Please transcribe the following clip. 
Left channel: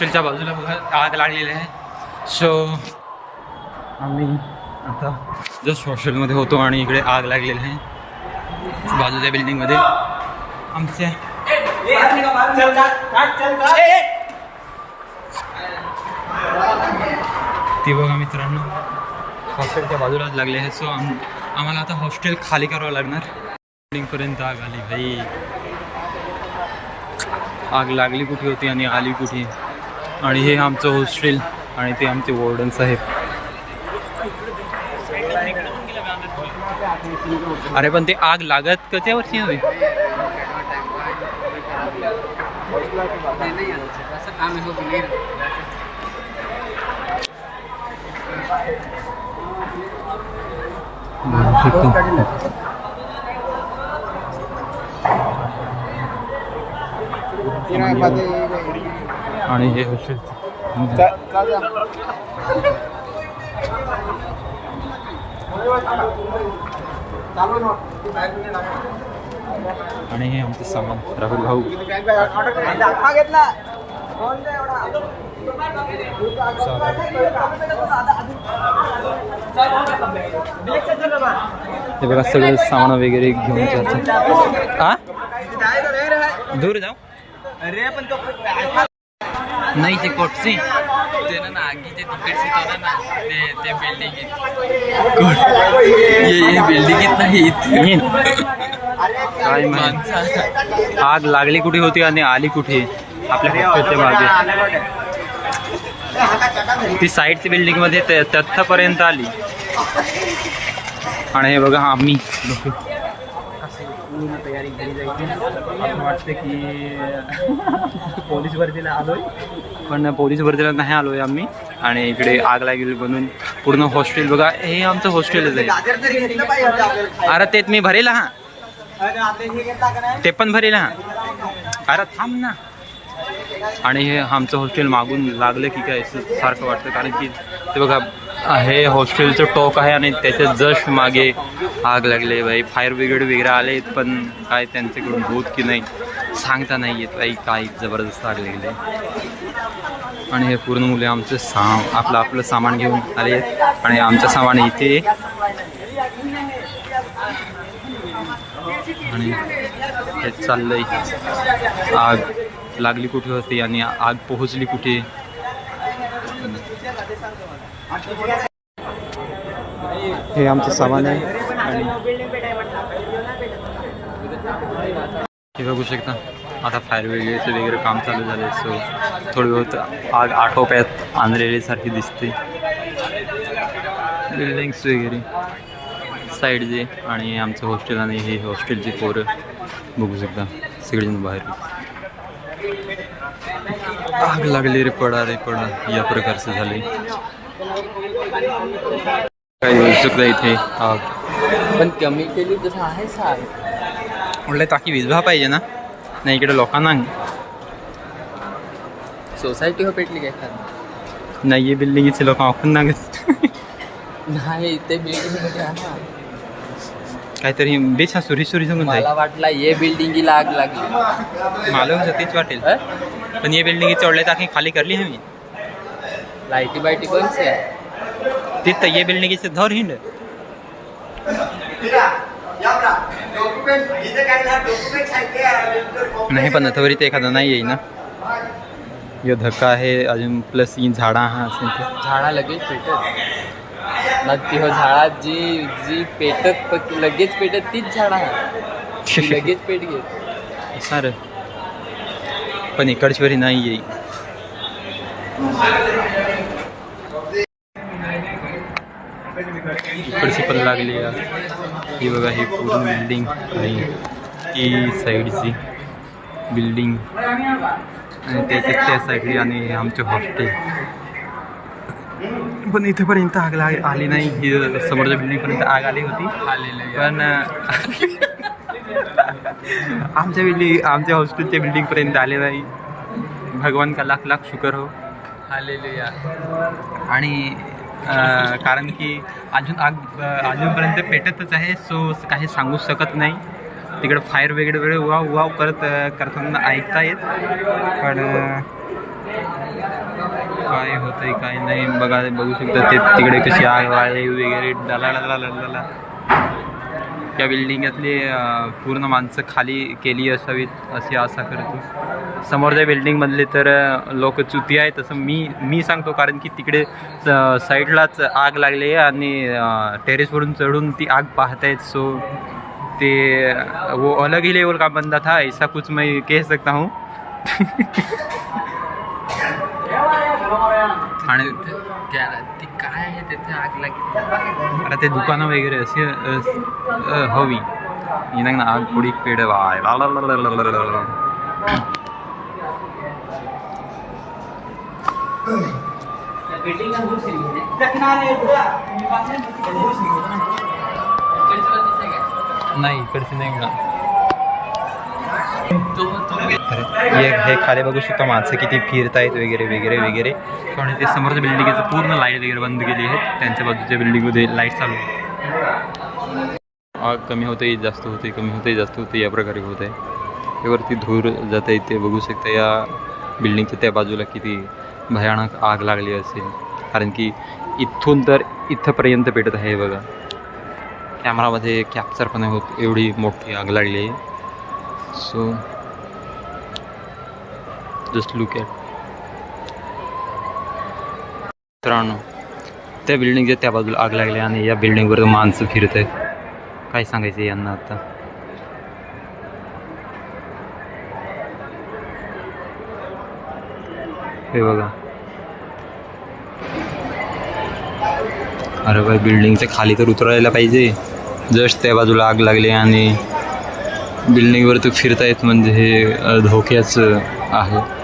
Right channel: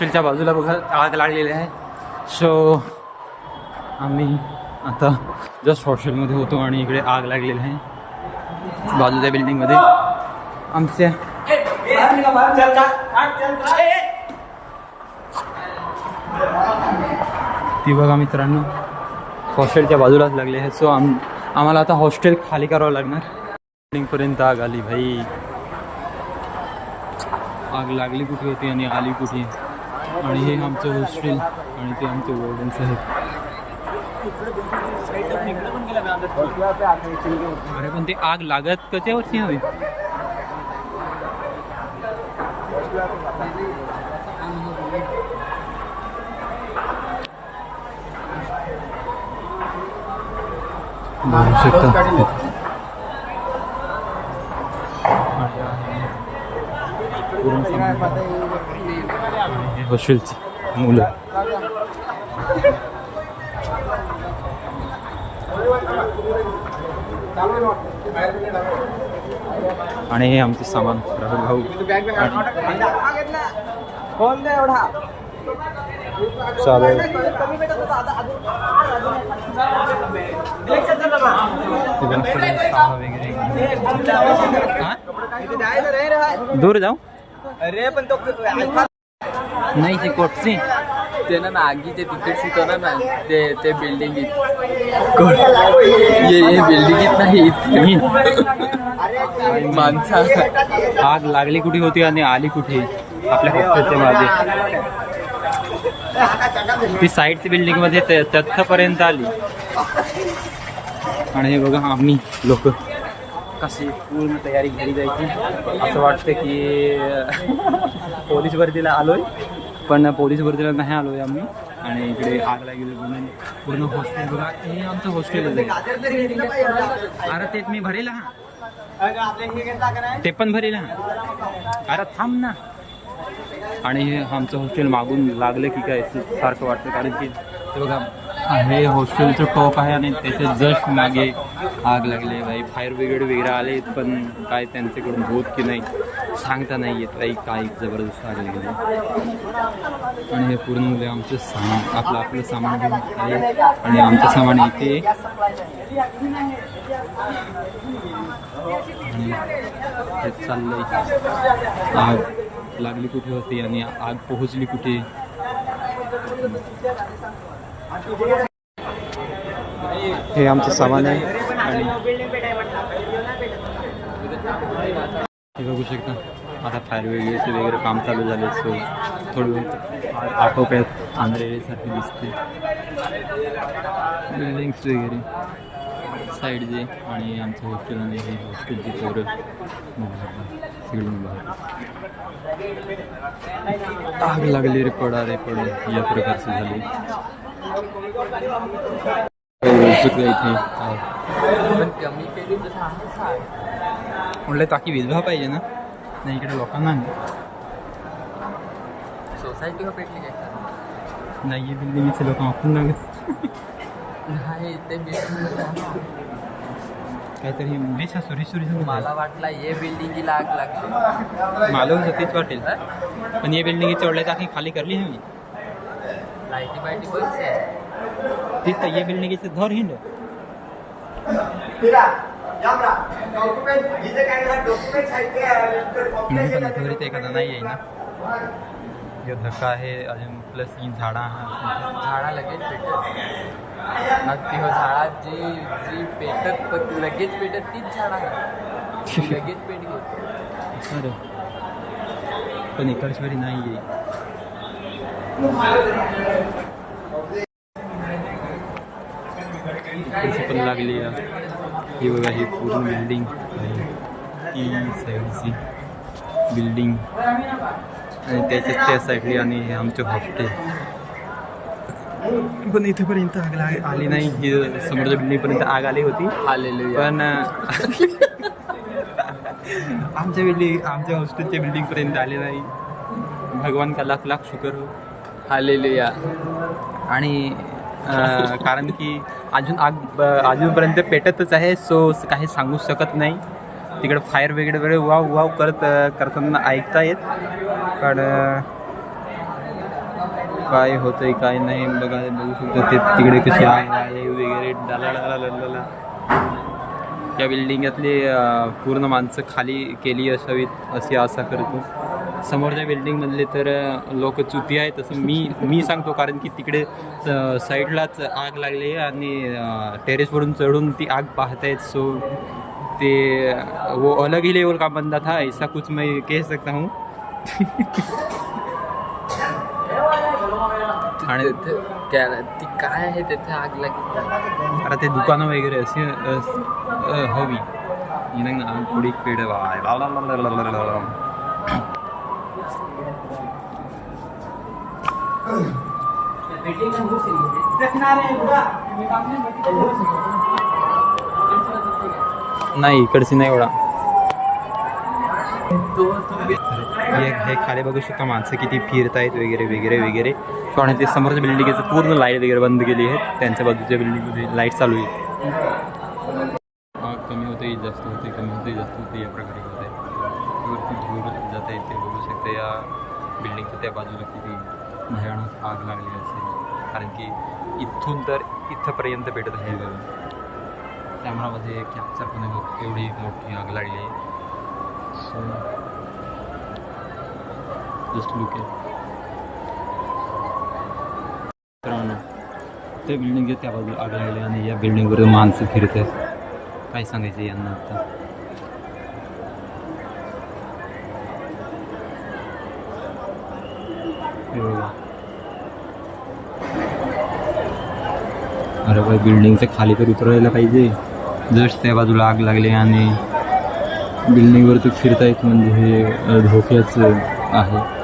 हॉस्टेलच्या बाजूला बघा आग लागलेली आहे. सो आम्ही आता जस्ट हॉस्टेलमध्ये होतो आणि इकडे आग लागलेली आहे बाजूच्या बिल्डिंगमध्ये आमच्या. ती बघा मित्रांनो हॉस्टेलच्या बाजूलाच लागले आहे. सो आम्हाला आता हॉस्टेल खाली करावं लागणार. बिल्डिंगपर्यंत आग आली भाई. आग लागली कुठे होती आणि आली कुठे. आणि हे आमचं हॉस्टेल आणि ते आमचे वॉर्डन साहेब. अरे पण ते आग लागत कशा वर्षी हवी. आणि हे हॉस्टेलची मुलं. आणि हे आमचे सामान राहुल भाऊ. हे बघा सगळे सामान वगैरे घेऊन जातात. हा दूर जाऊ नाही ती कोटची ते ना आगीचे तिकीट शिकवणार ना ते बिल्डिंगीत ये बिल्डिंगीत नाही काय माहिती आग लागली कुठे होती आणि आली कुठे आपल्या हॉस्टेलच्या मागे. ती साईडची बिल्डिंग मध्ये तथ्थपर्यंत आली. आणि हे बघा आम्ही लोक कशी पूर्ण तयारी घरी जायची. असं वाटतं की पोलीस भरतीला आलोय पण पोलीस भरतीला नाही आलोय आम्ही. आणि इकडे आग लागेल म्हणून पूर्ण हॉस्टेल बघा. हे आमचं हॉस्टेलच आहे. अरे तेच मी भरेल हा ते पण भरेल हा. अरे थांब ना. आणि हे आमचं हॉस्टेल मागून लागलं की काय सारखं वाटतं कारण की ते बघा हे हॉस्टेलचं टॉक आहे आणि त्याच्या जस्ट मागे आग लागले बाई. फायर ब्रिगेड वगैरे आले पण काय त्यांच्याकडून होत की नाही सांगता नाही येत बाई. काय जबरदस्त आग लागले. आणि हे पूर्ण मुले आमचं आपलं सामान घेऊन आले आणि आमचं सामान इथे. आणि हे चाललंय आग लागली कुठे होती आणि आग पोहोचली कुठे. हे आमचं सामान आहे. आणि हे बघू शकता आता फायर ब्रिगेडचं वगैरे काम चालू झाले. सो थोडी बहुत आग आटोप्यात आणलेल्यासारखी दिसते. बिल्डिंग्स वगैरे साईडचे आणि आमचं हॉस्टेल आणि हे हॉस्टेलची पोरं बघू शकता सगळेजण बाहेर. आग लागली रे पडा या प्रकारचं झाले. काही होऊ शकतं इथे आग पण कमी केली तर आहे सार म्हटलं ताकी विजवा पाहिजे ना. नाही इकडे लोकांना सोसायटी हो पेटली काय नाही. हे बिल्डिंगचे लोक आपण ना नाही ते बिल्डिंग काहीतरी बेस हा सुरी सांगून मला वाटला ये बिल्डिंगीला आग लागली. मालूम तीच वाटेल पण ये बिल्डिंग चढल्या टाकी खाली करली आम्ही. लाईटी बायटी कोणची आहे ती तर ये बिल्डिंगचे धर हिंड नाही पण आता ते एखादा नाही येईल ना. यो धक्का आहे अजून प्लस ही झाडा हा असेल झाडा लगेच पेटत ना. ती झाडात जी पेटत लगेच पेटत तीच झाडा लगेच पेट घेत सर पण इकडच्यावरी नाही येईल. इकडची पण लागली ही बघा. ही पूर्ण बिल्डिंग आणि ही साईडची बिल्डिंग आणि त्याच्यात त्या साईडली आणि आमचे हॉस्टेल. पण इथेपर्यंत आग आली नाही. ही समोरच्या बिल्डिंगपर्यंत आग आली होती पण आमच्या हॉस्टेलच्या बिल्डिंगपर्यंत आले नाही. भगवान का लाख लाख शुक्र हो. हालेलुया. आणि कारण की अजूनपर्यंत पेटतच आहे. सो काही सांगू शकत नाही. तिकडे फायर वगैरे वाव वाव करताना ऐकता येत पण काय होतंय काय नाही बघू शकता. ते तिकडे कशी आग वाळली वगैरे डाला. या बिल्डिंगातली पूर्ण माणसं खाली केली असावीत अशी आशा करतो. समोरच्या बिल्डिंगमधले तर लोक चुती आहेत असं मी सांगतो, कारण की तिकडे साईडलाच आग लागली आहे आणि टेरेसवरून चढून ती आग पाहत आहेत. सो ते वो अलग ही लेवल का बंदा था, ऐसा कुछ मैं कह सकता हूँ. आणि ती काय आहे तिथे आग लागली. आता ते दुकानं वगैरे असे हवी इनाग ना आग थोडी पेड वाय. नाही इकडची नाही एवढा. हे खाली बघू शकता माणसं किती फिरतायत वगैरे वगैरे वगैरे. आणि ते समोरच्या बिल्डिंगचं पूर्ण लाईट वगैरे बंद केली आहेत. त्यांच्या बाजूच्या बिल्डिंगमध्ये लाईट चालू आहे. आग कमी होते जास्त होते, कमी होते जास्त होते, या प्रकारे होत आहे. त्यावरती धूर जात आहे ते बघू शकता. या बिल्डिंगच्या त्या बाजूला किती भयानक आग लागली असेल, कारण की इथून तर इथंपर्यंत पेटत आहे बघा. कॅमेरामध्ये कॅप्चर पण होत एवढी मोठी आग लागली आहे. So just look at. मित्रांनो त्या बिल्डिंगच्या त्या बाजूला आग लागली आणि या बिल्डिंगवर माणसं फिरत आहेत. काय सांगायचं यांना आता. हे बघा, अरे बाई बिल्डिंगच्या खाली तर उतरायला पाहिजे. जस्ट त्या बाजूला आग लागली आणि बिल्डिंगवर तर फिरतायत म्हणजे हे धोक्याचं आहे.